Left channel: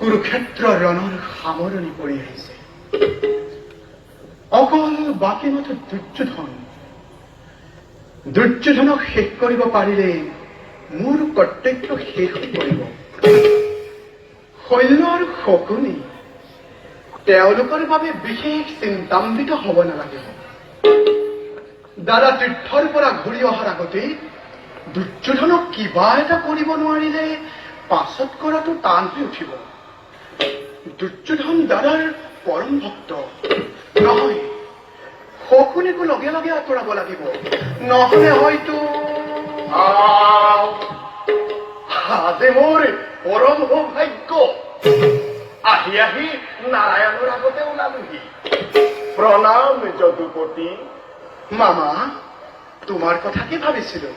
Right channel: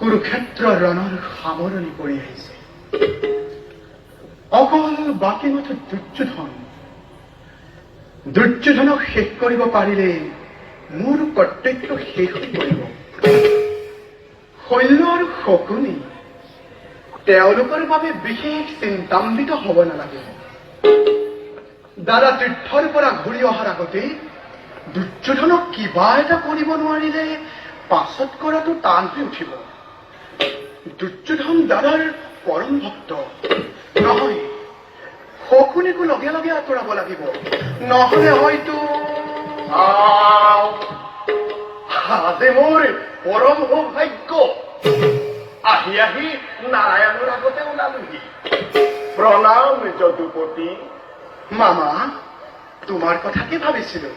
কুৰুক্ষেত্ৰ ৰণৰ সামৰণি পৰি আহিছে। অকল বাকী মাথো দুৰ্যোধনক শেষ কৰিব পাৰিলে মোৰ কৰ্তব্য শেষ হৈ পৰিব। শৈল্য আৰু শকুনি তেওঁলোকৰ বাবে বিশেষ চিন্তান্বিত হ'ব নালাগিব। দাদা তীৰ্থৰ পৰা ঘূৰি অহাৰ আগতে দুৰ্যোধনক কিবা এটা কৰিব নোৱাৰিলে পাছত কৰাটো টান হৈ উঠিব। দুৰ্যোধন দাদাৰ পৰম ভক্ত নহয়, শকুনিকো লগে লগে আঁতৰাব লাগিব, নহলে হয়তো আজি মোৰ পৰম সৌভাগ্য। আহি আহি নাৰায়ণৰ আগতে ওলালোহি। প্ৰণাম যদুপতি। মামা, তোমাৰ কথা কি ভাবিছিলো?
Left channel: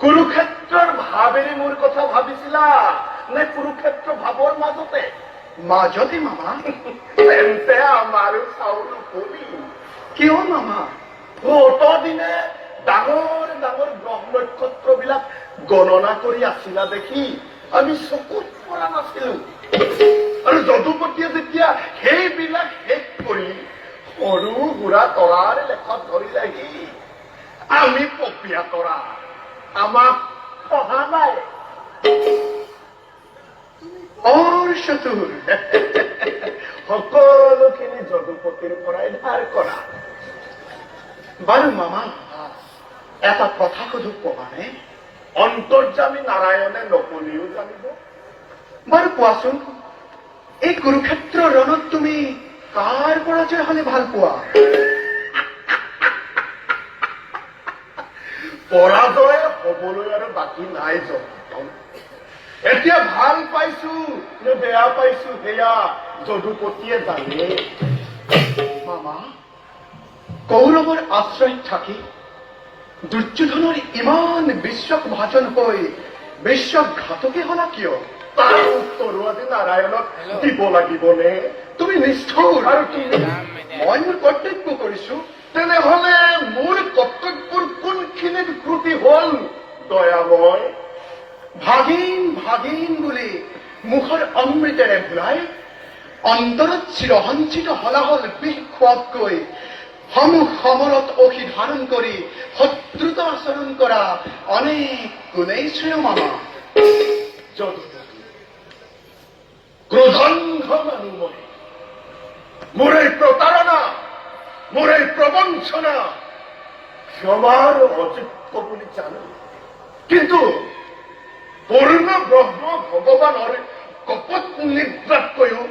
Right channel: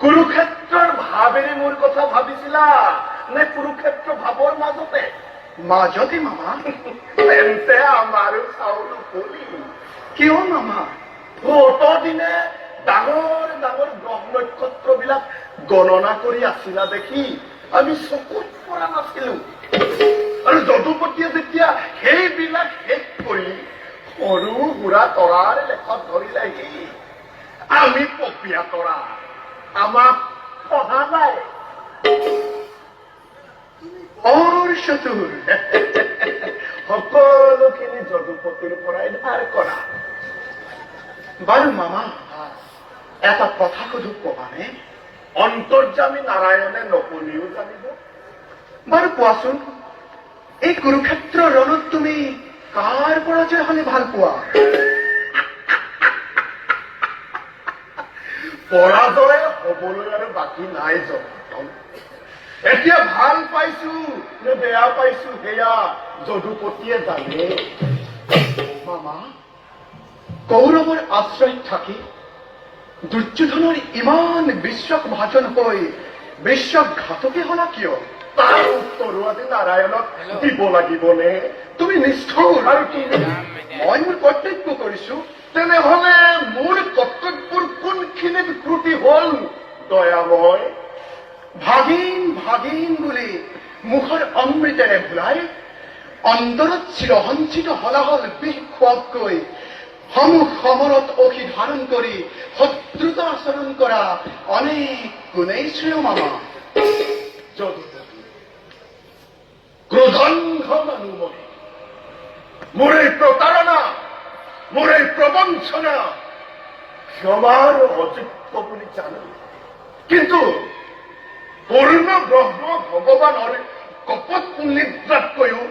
কুৰুক্ষেত্ৰৰ ভাৱেৰে মোৰ কথা ভাবিছিলা নে কুৰুক্ষেত্ৰ ভাৱৰ মাজতে? মাজতে মামা। তেন্তে আমাৰো চাউল কবি। কিয় মামা? কতদিনে ডাঙৰ ডাঙৰ গ্ৰহ নক্ষত্ৰবিলাক গণনা কৰি আছিলা দেখি আমি চকুত পৰা নাছিলো। আৰু যদুপতিয়ে যেতিয়া সেইবিলাক শেষ কৰি সৰু সুৰা তৰাৰ লেখত ধৰিলেহি, আমি পপীয়া তৰা, আমাক সহা নাই। বৰ চতুৰ। সকলোখিনি যদুপতিৰ পৰাই ধাৰ কৰা। বাৰু মামা, এটা কথা সুধো কবানে? অন্তৰ্যামী নাৰায়ণে নকলিও জানিব। বাৰু কোৱাচোন, এই কুৰুক্ষেত্ৰ ৰণত তুমি কাৰ পৰাজয় হলে ভাল পোৱা? পৰাজয় হবলৈ আৰু বাকী নাই যদুপতি। এতিয়া ভাল পাইছো নে বেয়া পাইছো সেয়া যদুপতিয়ে জানে। মামা, কৌৰৱৰ আশ্ৰয়ত থাকি দুৰ্যোধনৰ ইমান বিশ্বভাজন হৈ বিশ্বঘাতকে হলা কিয়? তাৰ উত্তৰো আজি নাৰায়ণক দিব লাগিবনে? তুমি নিষ্ঠুৰ। আৰু তুমি? মই মোৰ কৰ্তব্য কৰিছো। তেনেহলে মোৰ কৰ্তব্যৰ কোনখিনি বিকৃতি হল দয়াময়? ভাগিন ভাগিন বুলি মুখৰ অমৃতেৰে ভুলাই অন্তৰত চিৰসঞ্চিত হলাহল বিষ খোৱাতকৈ সমৰত অসি ধাৰণ কৰি শত্ৰুতা আচৰণ কৰা অনেক গুণেই শ্ৰেয় মামা। ক্ৰোধান্ধ মানুহ মই। মোৰ এই প্ৰতাৰণা, মোৰ এই প্ৰবঞ্চনা ক্ষমাৰ অযোগ্য বুলি জানো। কিন্তু পূৰ্ণ ব্ৰহ্ম ভগৱানৰ কপট নিদ্ৰাতকৈও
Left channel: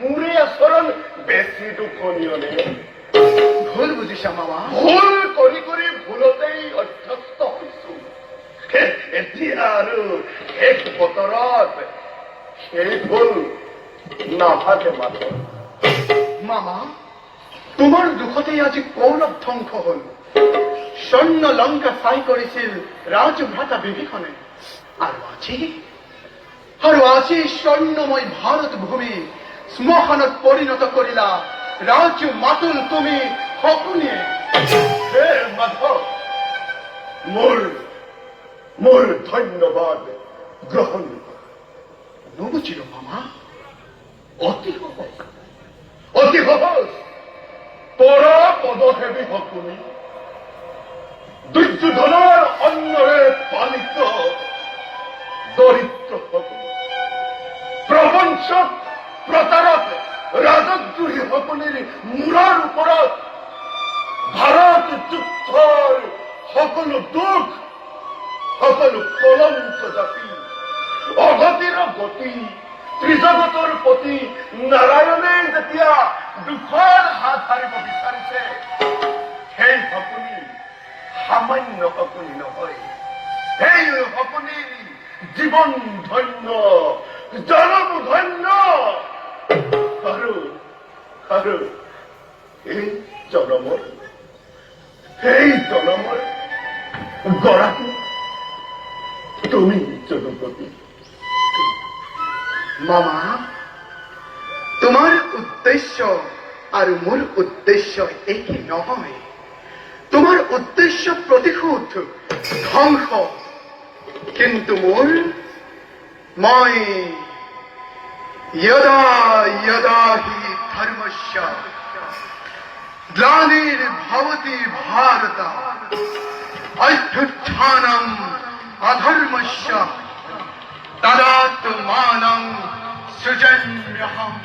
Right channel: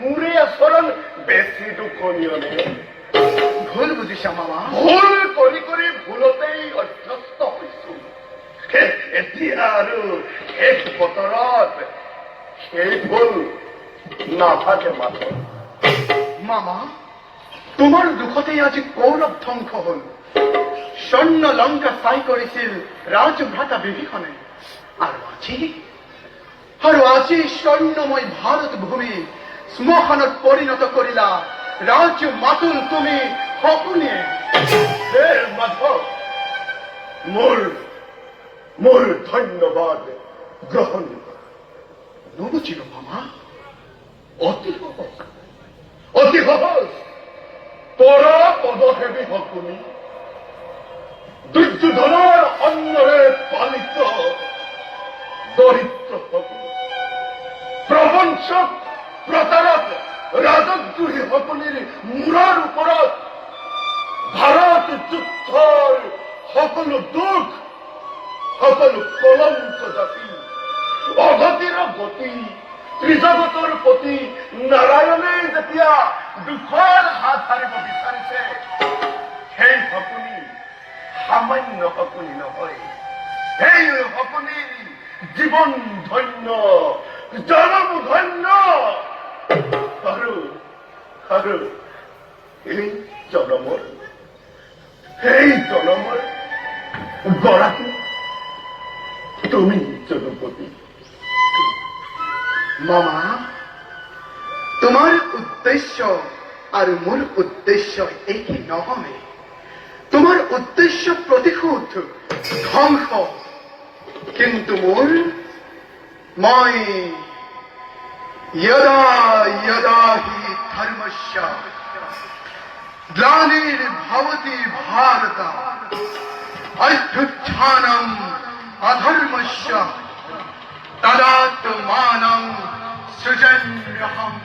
মোৰে আচৰণ বেছি দুখনীয়নে? ভুল বুজিছা মামা। ভুল কৰি কৰি ভুলতেই অভ্যস্ত হৈছো। এতিয়া আৰু শেষ বতৰত সেই ভুল নাথাকে মাত্ৰ। মামা, তোমাৰ দুখতেই আজি কৌৰৱ ধ্বংস হল। স্বৰ্ণ লংকা চাই কৰিছিল ৰাজভ্ৰাতা বিভীষণে। আৰু আজি স্বৰ্ণময় ভাৰত ভূমি শ্মশানত পৰিণত কৰিলা ৰাজ মাতুল তুমি শকুনিয়ে। হে মাধৱ, মোৰ ধন্যবাদ গ্ৰহণ। নুবুজিলো মামা। অতি সহজ, অতি সহজ। তৰা পদসেৱী শকুনি, দুৰ্যোধনৰ অন্নৰে পালিত দৰিদ্ৰ শকুনি, প্ৰবঞ্চক প্ৰতাৰক ৰাজদ্ৰোহী শকুনিৰ মূৰৰ ওপৰত ভাৰত যুদ্ধৰ সকলো দুখ, সকলো কলংক জাতি, অগতিৰ গতি, ত্ৰিজগতৰ প্ৰতি নাৰায়ণে যেতিয়া দুখৰ হাত সাৰিব বিচাৰিছে, সেই শকুনি সামান্য শকুনি নহয়। সেই শকুনি জীৱন ধন্য, জনম ধন্য। আৰু এই জনমৰ গৰাকী তুমি যদুপতি। মামা, তোমাৰ উদ্দেশ্য আৰু মোৰ উদ্দেশ্য একে নহয়। তোমাৰ উদ্দেশ্য প্ৰতিশোধ, ধ্বংস, কিন্তু মই यदा यदा हि धर्मस्य ग्लानिर्भवति भारत अभ्युत्थानम् अधर्मस्य तदात्मानं सृजन्यहम्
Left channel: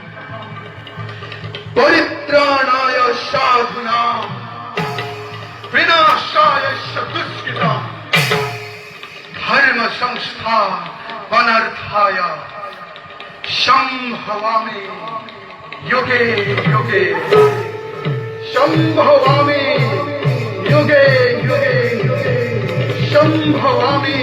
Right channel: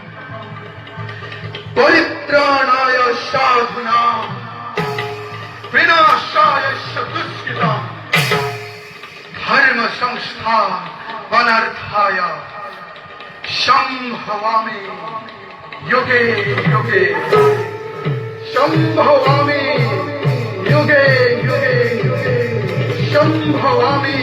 परित्राणाय साधूनां विनाशाय च दुष्कृताम् धर्म संस्थापनार्थाय संभवामि युगे युगे संभवामि युगे युगे युगे संभवामि